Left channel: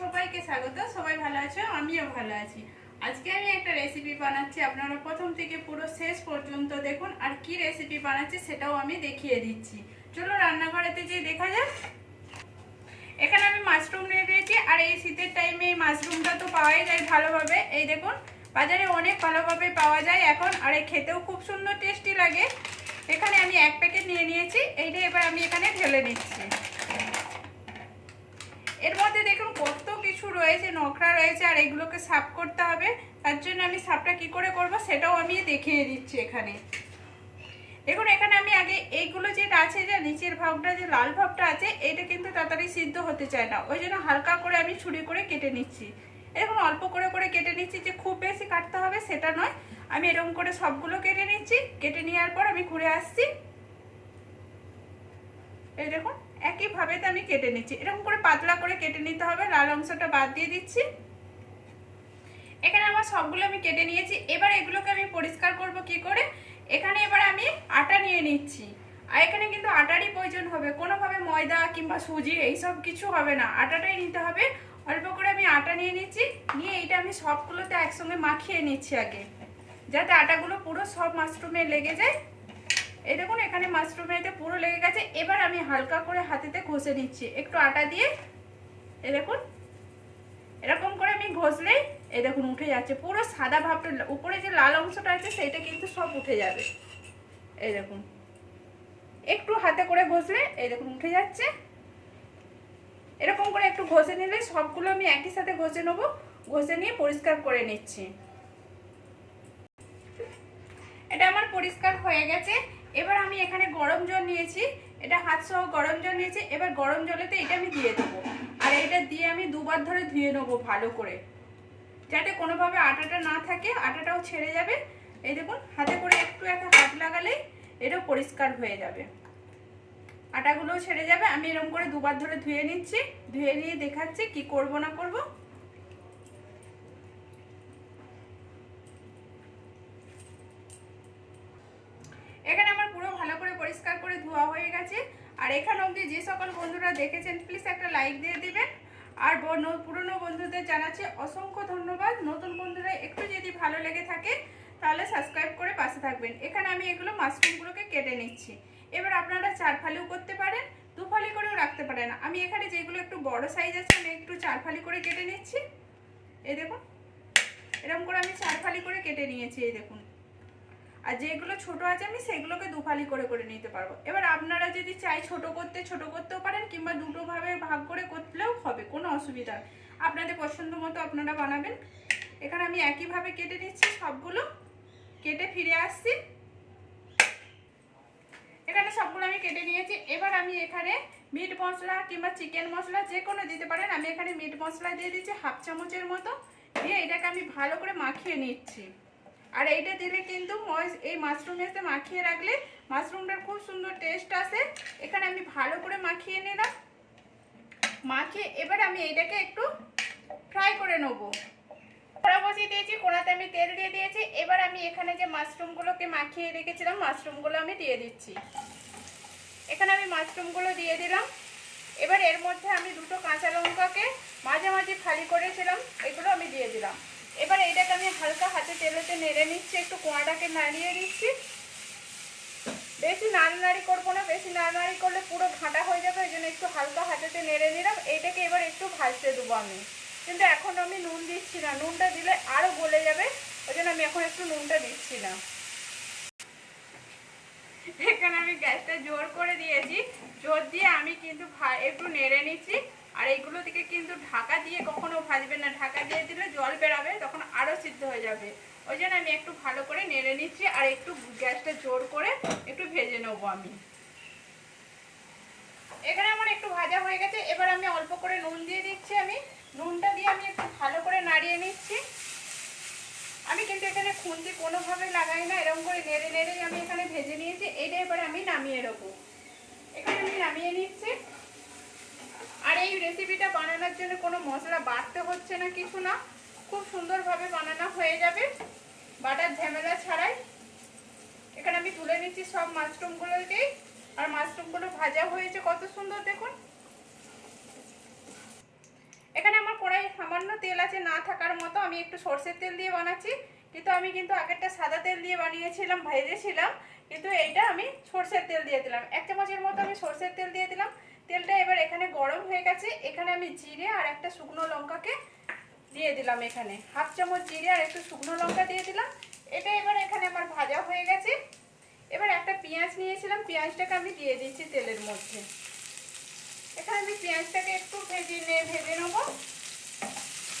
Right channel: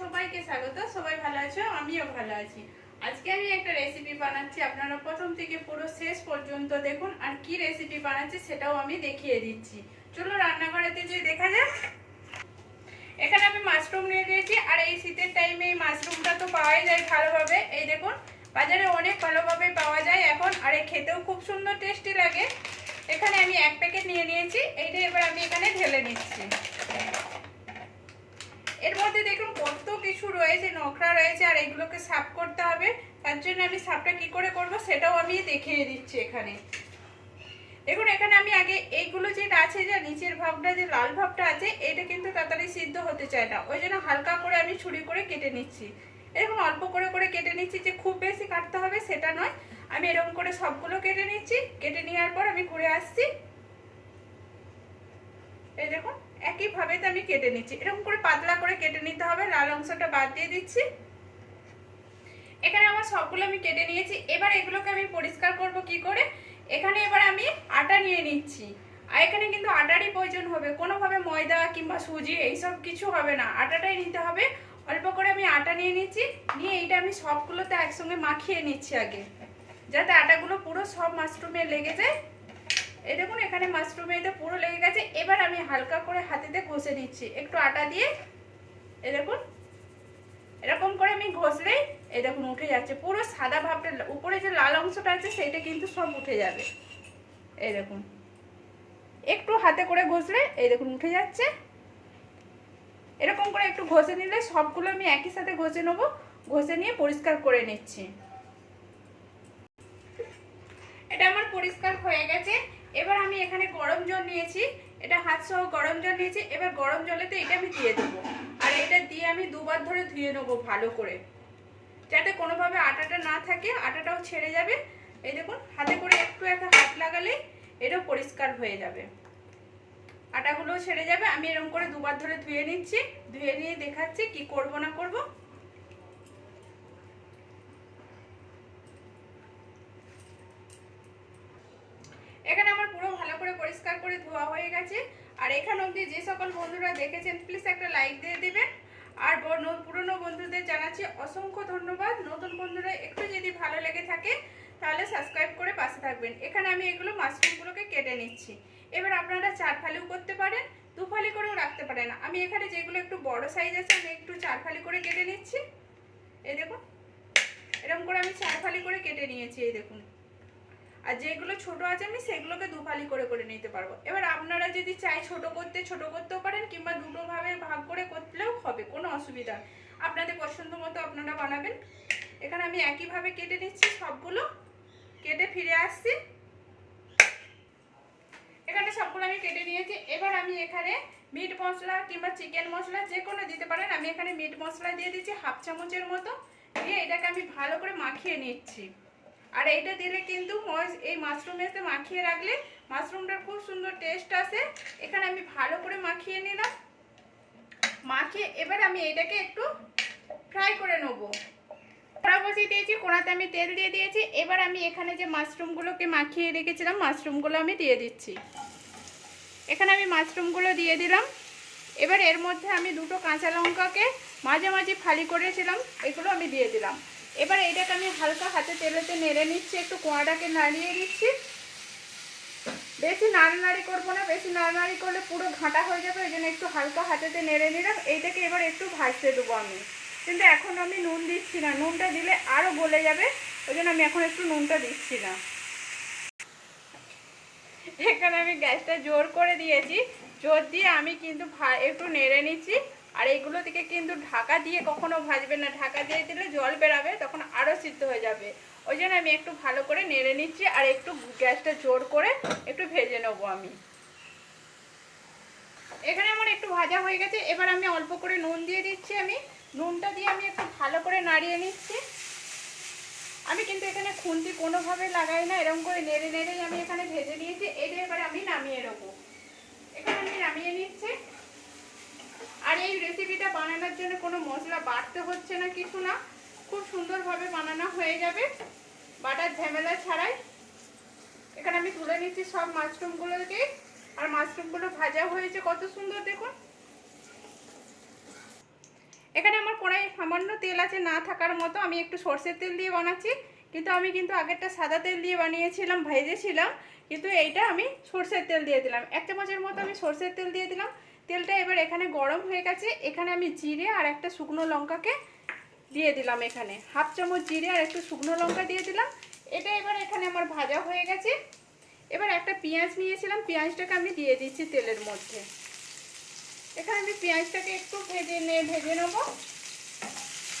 সবাইকে স্বাগত, সবাই ভালো আছো? আমিও ভালো আছি। আজকে আমি একটা রেসিপি বানাচ্ছি, আপনারা প্রথম থেকে পুরো শেষ পর্যন্ত দেখুন আর কি রেসিপি বানাচ্ছি সেটাও আমি দেখিয়ে দিচ্ছি। চলো রান্নাঘরেতে যে দেখা যাক। এখানে আমি মাশরুম নিয়ে দিয়েছি আর এই শীতের টাইমে এই মাশরুমটা তো পাওয়াই যায় ভালোভাবে। এই দেখুন, বাজারে অনেক ভালোভাবে পাওয়া যায় এখন আর এই খেতেও খুব সুন্দর টেস্টি লাগে। এখানে আমি এক প্যাকেট নিয়ে নিয়েছি, এইটা এবার আমি এখানে ঢেলে নিচ্ছি এর মধ্যে দেখুন কত কিছু রয়েছে, নোখরা রয়েছে, আর এগুলোকে সাফ করতে হবে। তার জন্য আমি সাফটা কি করে করব সেটাও আমি দেখিয়ে দিচ্ছি এখানে। দেখুন, এখানে আমি আগে এইগুলো যেটা আছে, যে নিচের ভাগটা, যে লাল ভাগটা আছে, এটা কিন্তু তাড়াতাড়ি সিদ্ধ হতে চায় না। ওই জন্য হালকা করে আমি ছুরি করে কেটে নিচ্ছি। এরকম অল্প করে করে কেটে নিচ্ছি যে খুব বেশি কাটতে হবে সেটা নয়। আমি এরকম করে সবগুলো কেটে নিচ্ছি। কেটে নেওয়ার পর আমি ঘুরে আসছি। এই দেখুন, একইভাবে তো আমি কেটে নিচ্ছি। এরকম করে পাতলা করে কেটে নিতে হবে, লাল অংশটা বাদ দিয়ে দিচ্ছি। এখানে আমার সবগুলো আমি কেটে নিয়েছি। এবার এগুলোকে আমি পরিষ্কার করব কি করে? এখানে এবার আমি আটা নিয়ে নিচ্ছি। আর এখানে কিন্তু আটারই প্রয়োজন হবে। কোনোভাবে ময়দা কিংবা সুজি এইসব কিছু হবে না। আটাটাই নিতে হবে। অল্প করে আমি আটা নিয়ে নিচ্ছি। নিয়ে এইটা আমি সবগুলোতে একসঙ্গে মাখিয়ে নিচ্ছি আগে। যাতে আটাগুলো পুরো সব মাশরুমে লেগে যায়। এই দেখুন, এখানে মাশরুমে এতে পুরো লেগে গেছে। এবার আমি হালকা করে হাতেতে ঘষে নিচ্ছি। একটু আটা দিয়ে এই দেখুন, এরকম করে আমি ঘষলেই এই দেখুন উঠে যাচ্ছে। পুরো সাদা ভাবটা, উপরে যে লাল অংশটা আছে সেটা কিন্তু সব উঠে যাবে। এই দেখুন, একটু হাতে করে ঘষলে এই দেখুন উঠে যাচ্ছে। এরকম করে একটু ঘষে নিলে সবগুলো আমি একই সাথে ঘষে নেব। ঘষে নিয়ে পরিষ্কার করে নিচ্ছি। এটা আমার পরিষ্কার হয়ে গেছে। এবার আমি এখানে গরম জল নিয়েছি, এটা হাত সহ গরম জল নিয়েছি, এবার গরম জলেতে এটা আমি দিয়ে দেবো। আর এটা দিয়ে আমি দুবার ধরে ধুয়ে নেব ভালো করে। যাতে কোনোভাবে আটাটা না থাকে, আটাটাও ছেড়ে যাবে। এই দেখুন, হাতে করে একটু একটা হাত লাগালেই এটা পরিষ্কার হয়ে যাবে। আটাগুলোও ছেড়ে যাবে, আমি এরকম করে দুবার ধরে ধুয়ে নিচ্ছি, ধুয়ে নিয়ে দেখাচ্ছি কি করব না করব এখানে আমার পুরো ভালো করে পরিষ্কার করে ধোয়া হয়ে গেছে আর এখানে অবধি যে সকল বন্ধুরা দেখেছেন প্লিজ একটা লাইক দিয়ে দিবেন। আর পুরনো বন্ধুদের জানাচ্ছি অসংখ্য ধন্যবাদ। নতুন বন্ধুরা একটু যদি ভালো লেগে থাকে, তাহলে সাবস্ক্রাইব করে পাশে থাকবেন। এখানে আমি এগুলো মাশরুমগুলোকে কেটে নিচ্ছি। এবার আপনারা চার ফালিও করতে পারেন দু ফালি করেও রাখতে পারেন। আমি এখানে যেগুলো একটু বড় সাইজ আছে, আমি একটু চার ফালি করে কেটে নিচ্ছি। এই দেখুন এরকম করে আমি চার ফালি করে কেটে নিয়েছি, এই দেখুন। আর যেগুলো ছোট আছে আমি সেগুলোকে দুফালি করে করে নিতে পারব। এবার আপনারা যদি চাই ছোট করতে, ছোট করতেও পারেন কিংবা দুটো ভাবে ভাগ করে করলেও হবে, কোনো অসুবিধা আপনাদের পছন্দ মতো আপনারা বানাবেন। এখানে আমি একইভাবে কেটে নিচ্ছি, সবগুলো কেটে ফিরে আসছি। এখানে সবগুলো আমি কেটে নিয়েছি। এবার আমি এখানে মিট মশলা কিংবা চিকেন মশলা যে কোনো দিতে পারেন। আমি এখানে মিট মশলা দিয়ে দিচ্ছি হাফ চামচের মতো। দিয়ে এটাকে আমি ভালো করে মাখিয়ে নিচ্ছি। আর এইটা দিলে কিন্তু এই মাশরুম মাশরুমেতে মাখিয়ে রাখলে মাশরুমটার খুব সুন্দর টেস্ট আসে। এখানে আমি ভালো করে মাখিয়ে নিলাম। মাখিয়ে এবার আমি এইটাকে একটু ফ্রাই করে নেব। কড়া বসিয়ে দিয়েছি, কোড়াতে আমি তেল দিয়ে দিয়েছি। এবার আমি এখানে যে মাশরুমগুলোকে মাখিয়ে রেখেছিলাম মাশরুমগুলো আমি দিয়ে দিচ্ছি। এখানে আমি মাশরুমগুলো দিয়ে দিলাম। এবার এর মধ্যে আমি দুটো কাঁচা লঙ্কাকে মাঝে মাঝে ফালি করেছিলাম, এগুলো আমি দিয়ে দিলাম। এবার এইটাকে আমি হালকা হাতে তেলেতে নেড়ে নিচ্ছি, একটু কোয়াটাকে নাড়িয়ে দিচ্ছি। বেশি নাড়ানাড়ি করব না, বেশি নাড়ানাড়ি করলে পুরো ঘাঁটা হয়ে যাবে ওই জন্য একটু হালকা হাতেতে নেড়ে নিলাম। এইটাকে এবার একটু ভাজতে দেবো আমি। কিন্তু এখন আমি নুন দিচ্ছি না, নুনটা দিলে আরও গলে যাবে, ওই জন্য আমি এখন একটু নুনটা দিচ্ছি না। এখানে আমি গ্যাসটা জোর করে দিয়েছি, জোর দিয়ে আমি কিন্তু একটু নেড়ে নিচ্ছি। আর এইগুলো থেকে কিন্তু ঢাকা দিয়ে কখনো ভাজবেন না। ঢাকা দিয়ে দিলে জল বেরাবে, তখন আরও সিদ্ধ হয়ে যাবে। ওই জন্য আমি একটু ভালো করে নেড়ে নিচ্ছি আর একটু গ্যাসটা জোর করে একটু ভেজে নেব আমি। এখানে আমার একটু ভাজা হয়ে গেছে, এবার আমি অল্প করে নুন দিয়ে দিচ্ছি আমি। নুনটা দিয়ে আমি একটু ভালো করে নাড়িয়ে নিচ্ছি। আমি কিন্তু এখানে খুন্তি কোনোভাবে লাগাই না, এরকম করে নেড়ে নেড়েই আমি এখানে ভেজে নিয়েছি। এটা এবার আমি নামিয়ে নেব। এখানে আমি নামিয়ে নিচ্ছি। এই রেসিপিটা বানানোর জন্য কোনো মশলা বাড়তে হচ্ছে না কিছু না। খুব সুন্দরভাবে বানানো হয়ে যাবে। বাটার ঝামেলা ছাড়াই। এখানে আমি তুলে নিচ্ছি সব মাশরুমগুলোকে আর মাশরুমগুলো ভাজা হয়েছে কত সুন্দর দেখুন। এখানে আমার কড়াই সামান্য তেল আছে না থাকার মতো। আমি একটু সর্ষের তেল দিয়ে বানাচ্ছি। কিন্তু আমি কিন্তু আগেরটা সাদা তেল দিয়ে বানিয়েছিলাম, ভেজেছিলাম। কিন্তু এইটা আমি সর্ষের তেল দিয়ে দিলাম। এক চামচের মতো আমি সর্ষের তেল দিয়ে দিলাম। তেলটা এবার এখানে গরম হয়ে গেছে। এখানে আমি জিরে আর একটা শুকনো লঙ্কাকে দিয়ে দিলাম এখানে। হাফ চামচ জিরে আর একটু শুকনো লঙ্কা দিয়ে দিলাম। এটা এবার এখানে আমার ভাজা হয়ে গেছে। এবার একটা পেঁয়াজ নিয়েছিলাম। পেঁয়াজটাকে আমি দিয়ে দিচ্ছি তেলের মধ্যে। এখানে আমি পেঁয়াজটাকে একটু ভেজে নে, ভেজে নেব।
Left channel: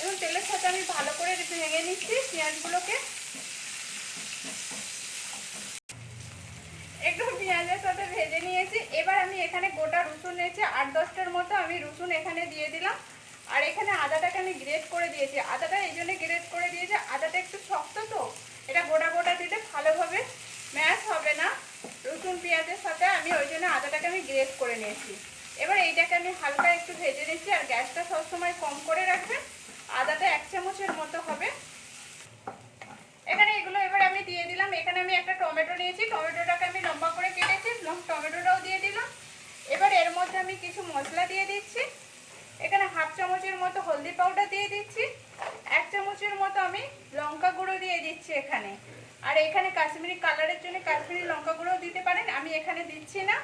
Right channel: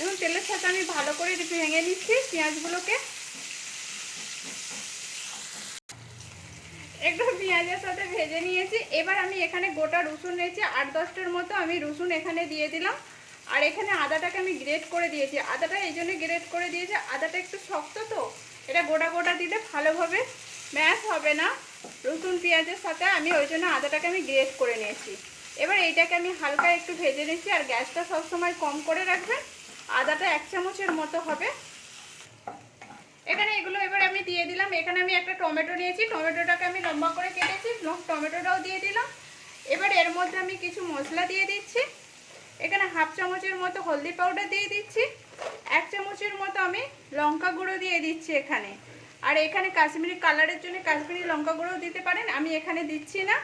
এবং তেলের সাথে আমি ভালো করে ভেঙে নিচ্ছি পেঁয়াজগুলোকে। একটু পেঁয়াজের সাথে ভেজে নিয়েছি। এবার আমি এখানে গোটা রসুন নিয়েছি। আট দশটার মতো আমি রসুন এখানে দিয়ে দিলাম। আর এখানে আদাটাকে আমি গ্রেট করে দিয়েছি। আদাটা এই জন্য গ্রেট করে দিয়েছি। আদাটা একটু শক্ত তো, এটা গোটা গোটা দিলে ভালোভাবে ম্যাশ হবে না। রসুন, পেঁয়াজের সাথে আমি ওই জন্য আদাটাকে আমি গ্রেট করে নিয়েছি। এবার এইটাকে আমি হালকা একটু ভেজে নিচ্ছি। আর গ্যাসটা সবসময় কম করে রাখবেন। আদাটা এক চামচের মতো হবে। এখানে এগুলো এবার আমি দিয়ে দিলাম। এখানে আমি একটা টমেটো নিয়েছি। টমেটোটাকে আমি লম্বা করে কেটেছি টমেটোটাও দিয়ে দিলাম। এবার এর মধ্যে আমি কিছু মশলা দিয়ে দিচ্ছি। এখানে হাফ চামচের মতো হলদি পাউডার দিয়ে দিচ্ছি। এক চামচের মতো আমি লঙ্কা গুঁড়ো দিয়ে দিচ্ছি এখানে। আর এখানে কাশ্মীরি কালারের জন্য কাশ্মীরি লঙ্কা গুঁড়োও দিতে পারেন। আমি এখানে দিচ্ছি না।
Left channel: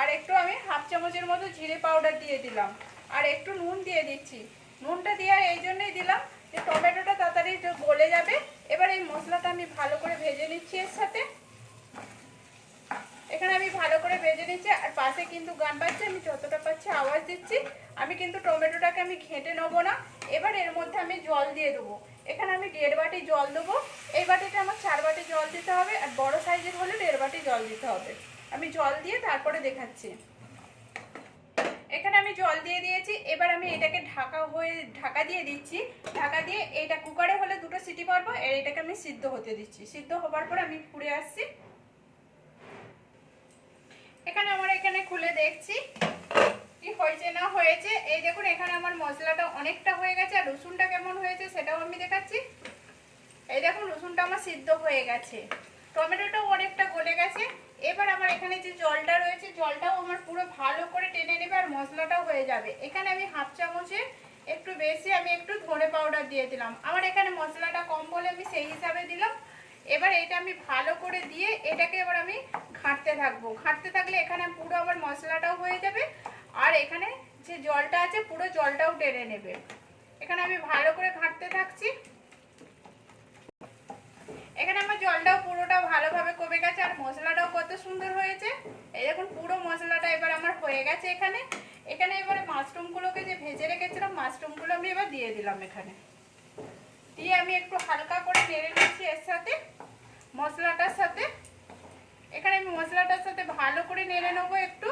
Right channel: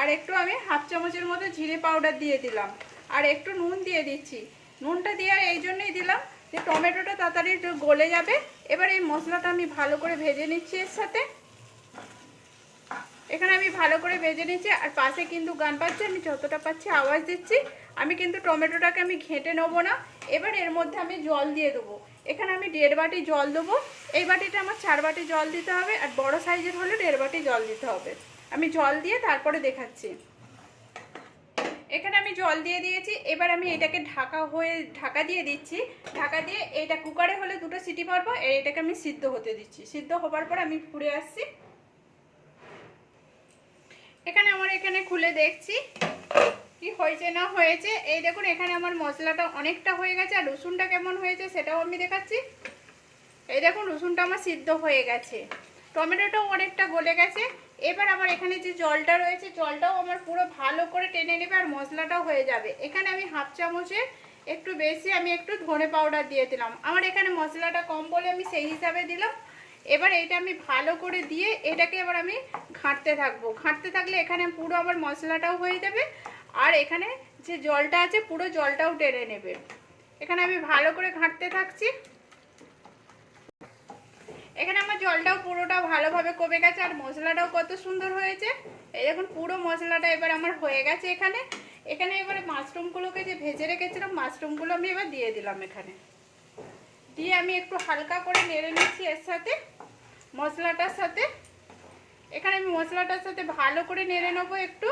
আর একটু আমি হাফ চামচের মতো জিরে পাউডার দিয়ে দিলাম। আর একটু নুন দিয়ে দিচ্ছি। নুনটা দিয়ে এই জন্যই দিলাম যে টমেটোটা তাড়াতাড়ি গলে যাবে। এবার এই মশলাটা আমি ভালো করে ভেজে নিচ্ছি এর সাথে। এখানে আমি ভালো করে ভেজে নিচ্ছি, আর পাশে কিন্তু গান পাচ্ছি, আমি যতটা পাচ্ছি আওয়াজ দিচ্ছি। আমি কিন্তু টমেটোটাকে আমি ঘেঁটে নেব না, এবার এর মধ্যে আমি জল দিয়ে দেবো। এখানে আমি দেড় বাটি জল দেবো, এই বাটিটা আমার চার বাটি জল দিতে হবে, আর বড় সাইজের হলে দেড় বাটি জল দিতে হবে। আমি জল দিয়ে তারপরে দেখাচ্ছি। এখানে আমি জল দিয়ে দিয়েছি, এবার আমি এটাকে ঢাকা হয়ে, ঢাকা দিয়ে দিচ্ছি। ঢাকা দিয়ে এটা কুকারে হলে দুটো সিটি আর এটাকে আমি সিদ্ধ হতে দিচ্ছি। সিদ্ধ হবার পর আমি ফুড়ে আসছি। এখানে আমার এখানে খুলে দেখছি কি হয়েছে, না হয়েছে। এই দেখুন, এখানে আমার মশলাটা অনেকটা হয়ে গেছে, আর রসুনটা কেমন হয়েছে সেটাও আমি দেখাচ্ছি। এই দেখুন, রসুনটা আমার সিদ্ধ হয়ে গেছে। টমেটোটাও অনেকটা গলে গেছে। এবার আমার এখানে যে জলটা রয়েছে, জলটাও আমার পুরো ভালো করে টেনে নেবে আর মশলাটাও হয়ে যাবে। এখানে আমি হাফ চামচে একটু বেশি আমি একটু ধনে পাউডার দিয়ে দিলাম। আমার এখানে মশলাটা কম বলে আমি সেই হিসাবে দিলাম। এবার এটা আমি ভালো করে দিয়ে এটাকে এবার আমি ঘাঁটতে থাকব। ঘাঁটতে থাকলে এখানে পুরো আমার মশলাটাও হয়ে যাবে আর এখানে যে জলটা আছে, পুরো জলটাও টেনে নেবে। এখানে আমি ভালো করে ঘাঁটতে থাকছি এখানে আমার জলটাও পুরোটা ভালোভাবে কমে গেছে আর মশলাটাও কত সুন্দর হয়েছে। এই দেখুন, পুরো মশলাটা এবার আমার হয়ে গেছে এখানে। এখানে এবার মাশরুমগুলোকে যে ভেজে রেখেছিলাম, মাশরুমগুলো আমি এবার দিয়ে দিলাম এখানে। দিয়ে আমি একটু হালকা করে নেড়ে নিচ্ছি এর সাথে, মশলাটার সাথে। এখানে আমি মশলাটার সাথে ভালো করে নেড়ে নেব একটু।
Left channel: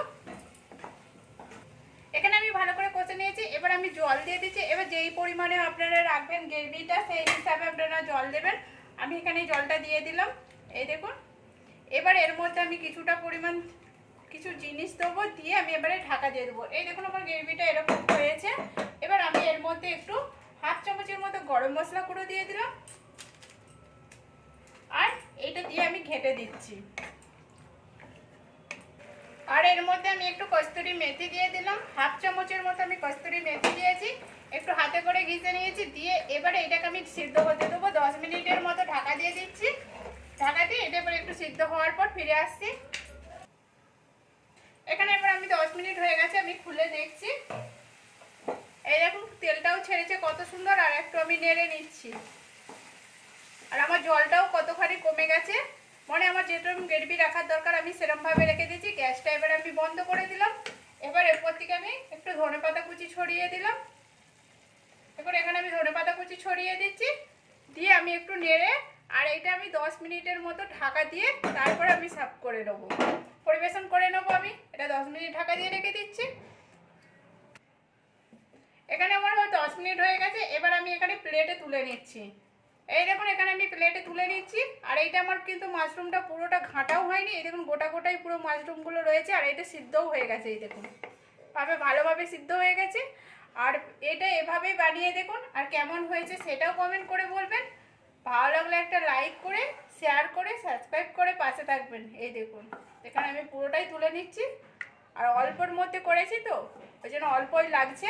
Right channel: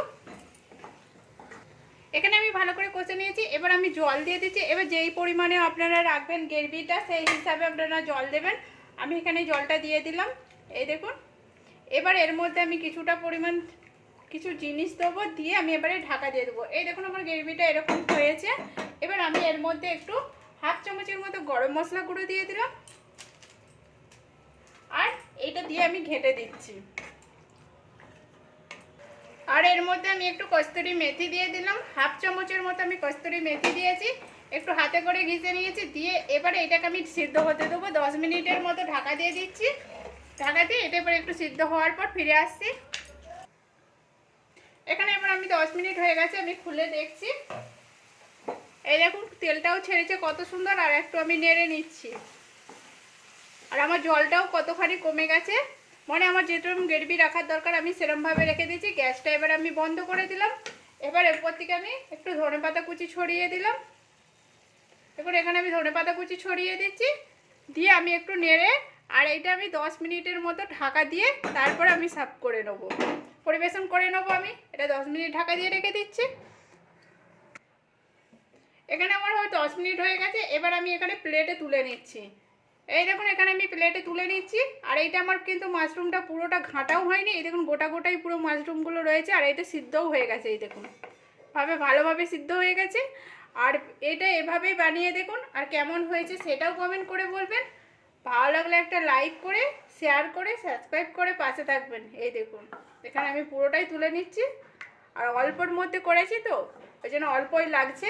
এখানে আমি ভালো করে কষে নিয়েছি, এবার আমি জল দিয়ে দিচ্ছি। এবার যেই পরিমাণে আপনারা রাখবেন গ্রেভিটা সেই হিসাবে আপনারা জল দেবেন। আমি এখানে জলটা দিয়ে দিলাম। এই দেখুন, এবার এর মধ্যে আমি কিছুটা পরিমাণ কিছু জিনিস দেবো, দিয়ে আমি এবারে ঢাকা দিয়ে দেবো। এই দেখুন আমার গ্রেভিটা এরকম হয়েছে। এবার আমি এর মধ্যে একটু হাফ চামচের মতো গরম মশলা গুঁড়ো দিয়ে দিলাম। আর এইটা দিয়ে আমি ঘেটে দিচ্ছি। আর এর মধ্যে আমি একটু কস্তুরি মেথি দিয়ে দিলাম। হাফ চামচের মতো আমি কস্তুরি মেথি দিয়েছি। একটু হাতে করে ঘিসে নিয়েছি, দিয়ে এবারে এটাকে আমি সিদ্ধ হতে দেবো। দশ মিনিটের মতো ঢাকা দিয়ে দিচ্ছি। ঢাকা দিয়ে এটা এবার একটু সিদ্ধ হওয়ার পর ফিরে আসছি। এখানে এবার আমি দশ মিনিট হয়ে গেছে, আমি খুলে দেখছি। এই দেখুন, তেলটাও ছেড়েছে, কত সুন্দর, আর একটু আমি নেড়ে নিচ্ছি। আর আমার জলটাও কতখানি কমে গেছে মানে আমার যেরকম গ্রেভি রাখার দরকার, আমি সেরমভাবে রেখে দিয়েছি, গ্যাসটা এবার আমি বন্ধ করে দিলাম। এবার এরপর থেকে আমি একটু ধনে পাতা কুচি ছড়িয়ে দিলাম। এবার এখানে আমি ধনে পাতা কুচি ছড়িয়ে দিচ্ছি, দিয়ে আমি একটু নেড়ে আর এইটা আমি দশ মিনিটের মতো ঢাকা দিয়ে তারপর আমি সার্ভ করে নেব। পরিবেশন করে নেব আমি। এটা দশ মিনিট ঢাকা দিয়ে রেখে দিচ্ছি। এখানে আমার হয়তো দশ মিনিট হয়ে গেছে। এবার আমি এখানে প্লেটে তুলে নিচ্ছি। এই দেখুন, এখানে আমি প্লেটে তুলে নিচ্ছি। আর এইটা আমার কিন্তু মাশরুমটা পুরোটা ঘাঁটাও হয়নি। এই দেখুন, গোটা গোটাই পুরো মাশরুমগুলো রয়েছে। আর এটা সিদ্ধও হয়ে গেছে, এই দেখুন। ভাবে ভালোভাবে সিদ্ধ হয়ে গেছে। আর এটা এভাবেই বানিয়ে দেখুন, আর কেমন হয়েছে সেটাও কমেন্ট করে বলবেন। ভালো লাগলে একটা লাইক করে শেয়ার করে সাবস্ক্রাইব করে পাশে থাকবেন। এই দেখুন, এখানে আমি পুরোটাই তুলে নিচ্ছি। আর অল্পর মধ্যে করেছি তো, ওই জন্য অল্পই লাগছে।